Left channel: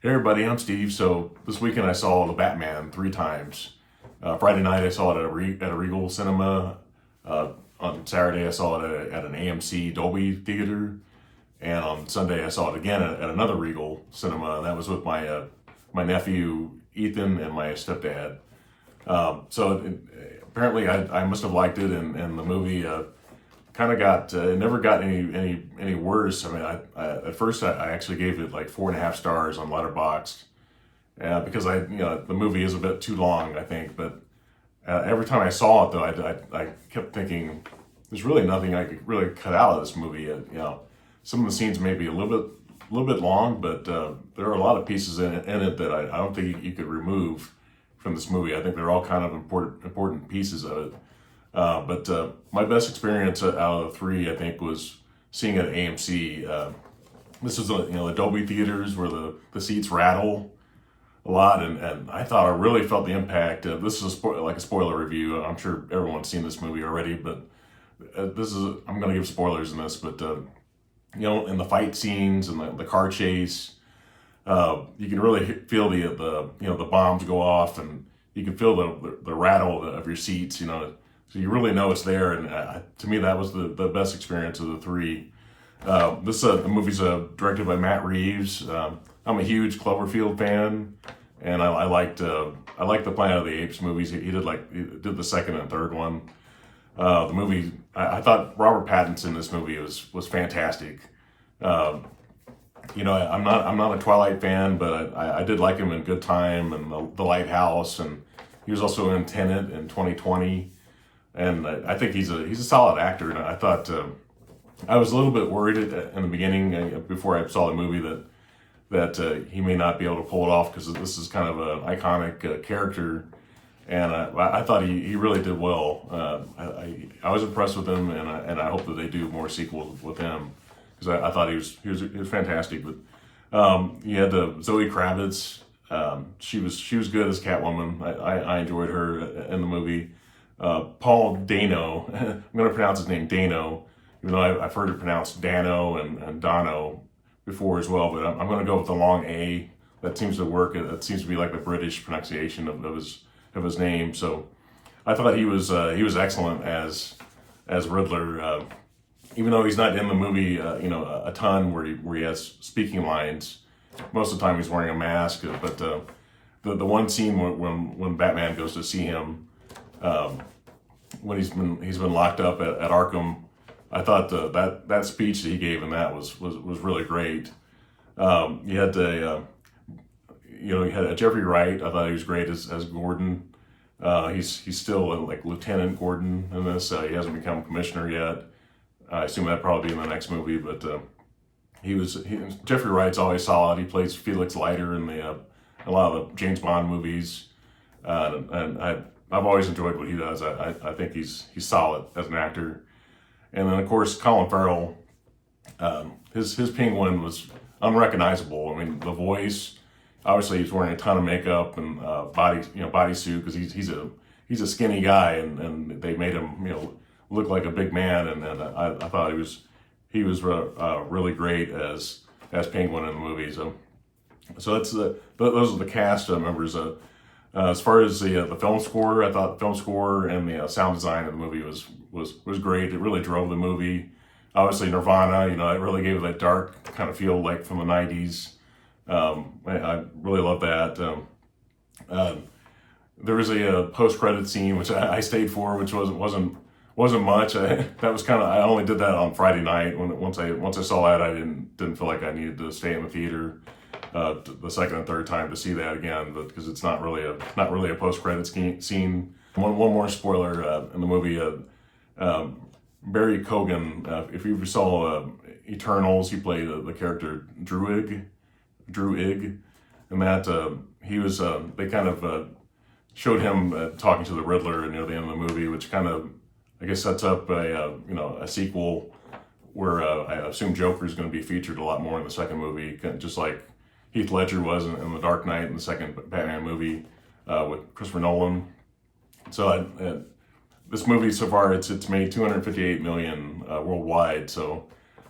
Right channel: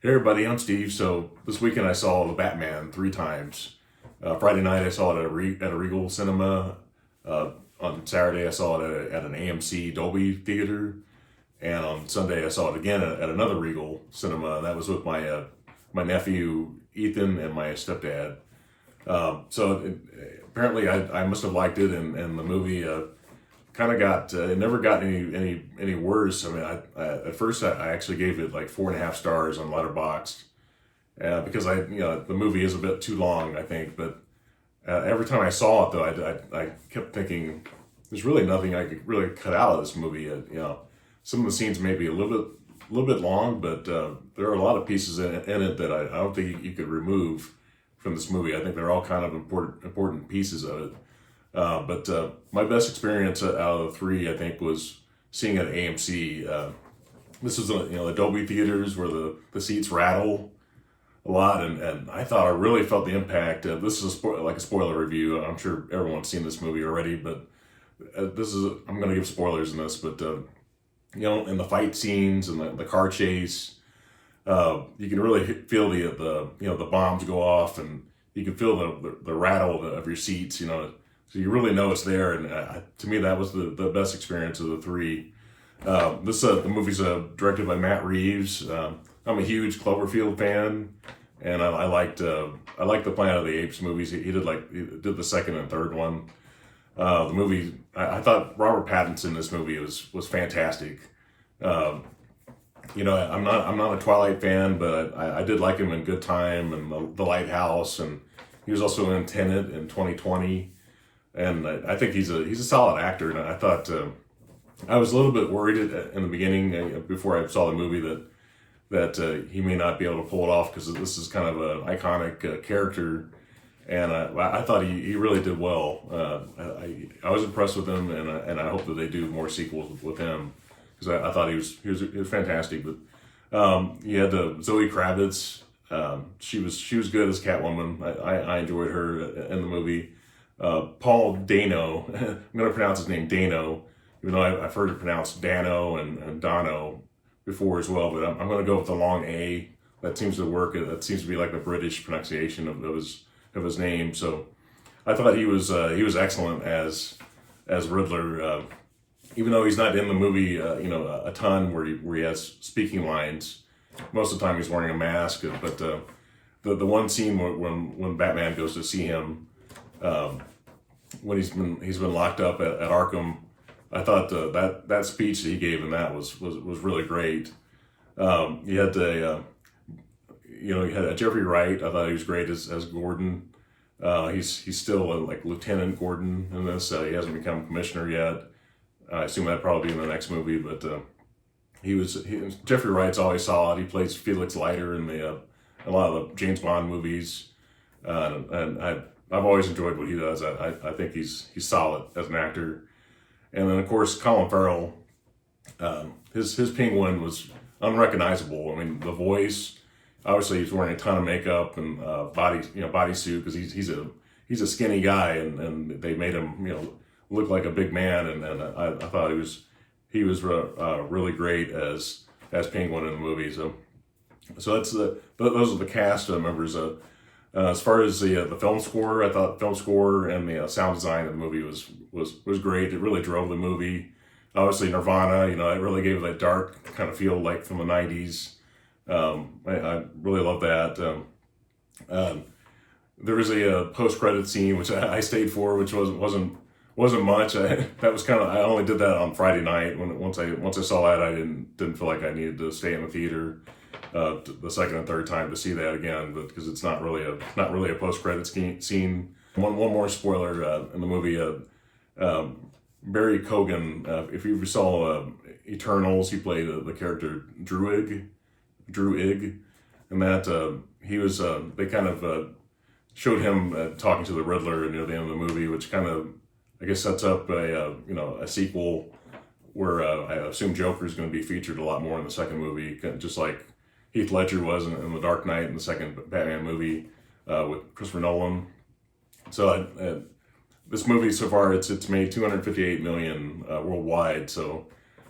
Hey everybody, I'm Steve. So this weekend I saw The Batman 3 times. Friday night I saw it at a Regal Cinema. On Saturday I saw it at an AMC Dolby Theater, and on Sunday I saw it again at another Regal Cinema, and that was with my nephew Ethan and my stepdad. Apparently I must have liked it, and the movie kind of got it never got any worse. I mean, at first I actually gave it like 4.5 stars on Letterboxd, because the movie is a bit too long, I think. But every time I saw it though, I kept thinking there's really nothing I could really cut out of this movie. Some of the scenes may be a little bit long, but there are a lot of pieces in it that I don't think you could remove from this movie. I think they're all kind of important pieces of it. But my best experience out of the three, I think, was seeing it at AMC. This is the Dolby theaters where the seats rattle a lot, and I thought I really felt the impact. This is like a spoiler review. I'm sure everyone's seen this movie already, but I'm going to give spoilers in this. But in the fight scenes and the car chase, you can really feel the bombs go off, and you can feel the rattle of your seats. So you really know it's there, and to me that was the best experience of the three. The movie's directed by Matt Reeves. I'm a huge Cloverfield fan, and I liked the Planet of the Apes movies. He did the second and third one. The movie, I thought Robert Pattinson in this movie was fantastic. I'm not a Twilight fan, but I did like him in Good Time and The Lighthouse, and he was also in Tenet in 2020. And I think he's a solid actor. And I thought I was a little bit worried in the beginning, before I saw the movie, that he may not be able to pull it off, because this is kind of an iconic character. And I thought he really did well. I was impressed with him, and I hope that they do more sequels with him, because I thought he was fantastic. But you had Zoe Kravitz. She was good as Catwoman. I enjoyed her in the movie. Paul Dano, I'm going to pronounce his name Dano, even though I've heard it pronounced Dano and Dono before as well, but I'm going to go with the long A. That seems to work. That seems to be like the British pronunciation of his name. So I thought he was excellent as Riddler, even though he's not in the movie a ton where he has speaking lines. Most of the time he's wearing a mask, but the one scene when Batman goes to see him, when he's been locked up at Arkham, I thought that speech that he gave in that was really great. You had Jeffrey Wright. I thought he was great as Gordon. He's still like Lieutenant Gordon in this. He hasn't become commissioner yet. I assume that'd probably be in the next movie. But Jeffrey Wright's always solid. He plays Felix Leiter in a lot of the James Bond movies, and I've always enjoyed what he does. I think he's solid as an actor. And then of course Colin Farrell, his Penguin was unrecognizable. I mean, the voice, obviously he's wearing a ton of makeup and bodysuit, because he's a skinny guy, and they made him look like a big man, and I thought he was really great as Penguin in the movie. So those are the cast members. As far as the film score, I thought the film score and the sound design of the movie was great. It really drove the movie. Obviously Nirvana, it really gave it that dark kind of feel like from the 90s. I really love that. There was a post-credit scene which I stayed for, which wasn't much. I only did that on Friday night. Once I saw that, I didn't feel like I needed to stay in the theater the second and third time to see that again, but because it's not really a post-credit scene. One more spoiler in the movie. Barry Keoghan, if you ever saw Eternals, he played the character Druig, and that he was they kind of showed him talking to the Riddler near the end of the movie, which kind of, I guess, sets up a sequel where I assume Joker is going to be featured a lot more in the second movie, just like Heath Ledger was in The Dark Knight in the second Batman movie with Christopher Nolan. So this movie so far, it's made $258 million worldwide. So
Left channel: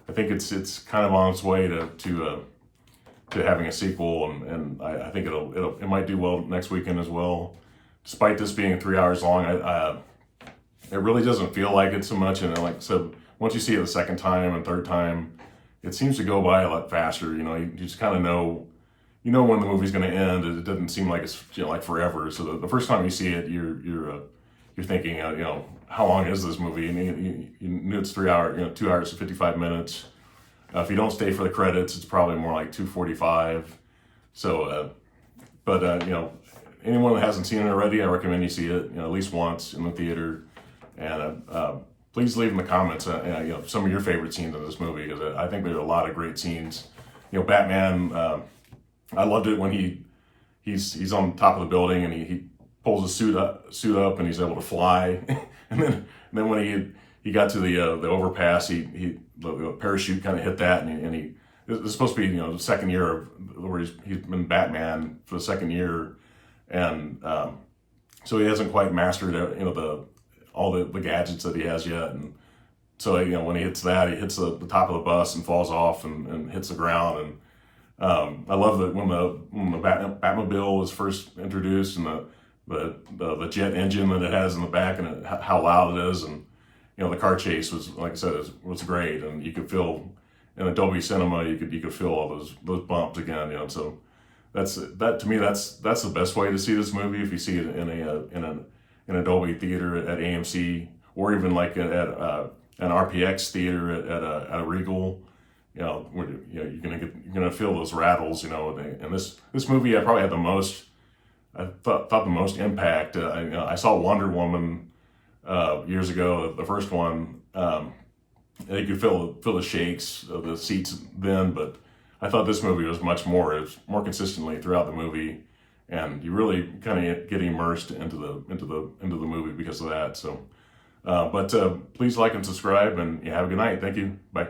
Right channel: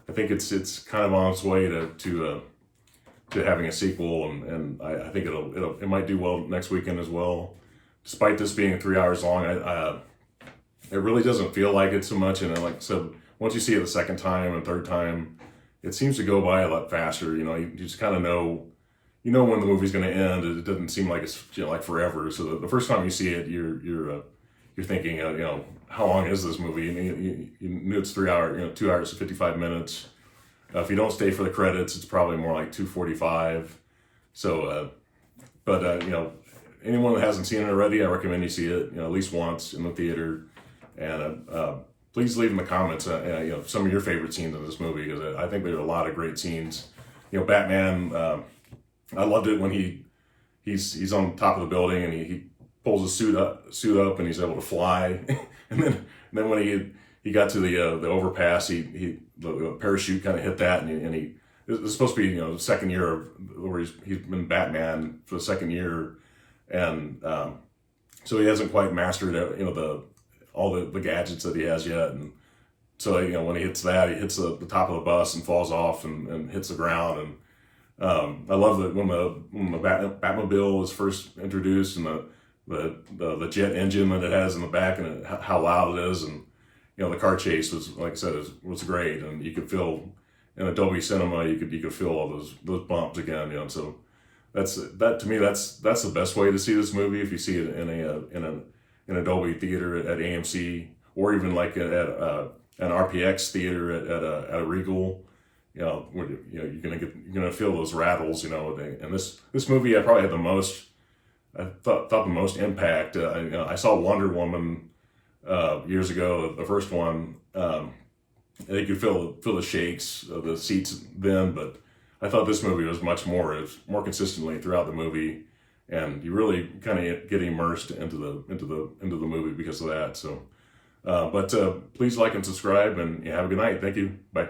I think it's kind of on its way to to having a sequel, and I think it might do well next weekend as well. Despite this being 3 hours long, it really doesn't feel like it so much. And like I said, once you see it the second time and third time, it seems to go by a lot faster. You just kind of know, when the movie's going to end. It doesn't seem like it's like forever. So the first time you see it, you're thinking, how long is this movie? And you knew it's 3 hours, 2 hours and 55 minutes. If you don't stay for the credits, it's probably more like 2:45. So, but anyone that hasn't seen it already, I recommend you see it, at least once in the theater. And please leave in the comments, some of your favorite scenes in this movie, because I think there are a lot of great scenes. Batman. I loved it when he's on top of the building and he pulls his suit up and he's able to fly. and then when he got to the overpass, the parachute kind of hit that, and he it's supposed to be the second year where he's been Batman for the second year, and so he hasn't quite mastered all the gadgets that he has yet. And so when he hits that, he hits the top of the bus and falls off and hits the ground. And I love that when the Batmobile was first introduced, and the jet engine that it has in the back, and how loud it is, and the car chase was, like I said, was great, and you could feel in Adobe Cinema, you could feel all those bumps again. So to me that's the best way to see this movie. If you see it in an Adobe theater at AMC, or even like at an RPX theater at a Regal, where you're gonna feel those rattles, and this movie I probably had the most. I thought the most impact. I saw Wonder Woman years ago, the first one. You could feel the shakes of the seats then, but I thought this movie was much more. It was more consistently throughout the movie, and you really kind of get immersed into the movie because of that. So, but please like and subscribe, and have a good night. Thank you. Bye.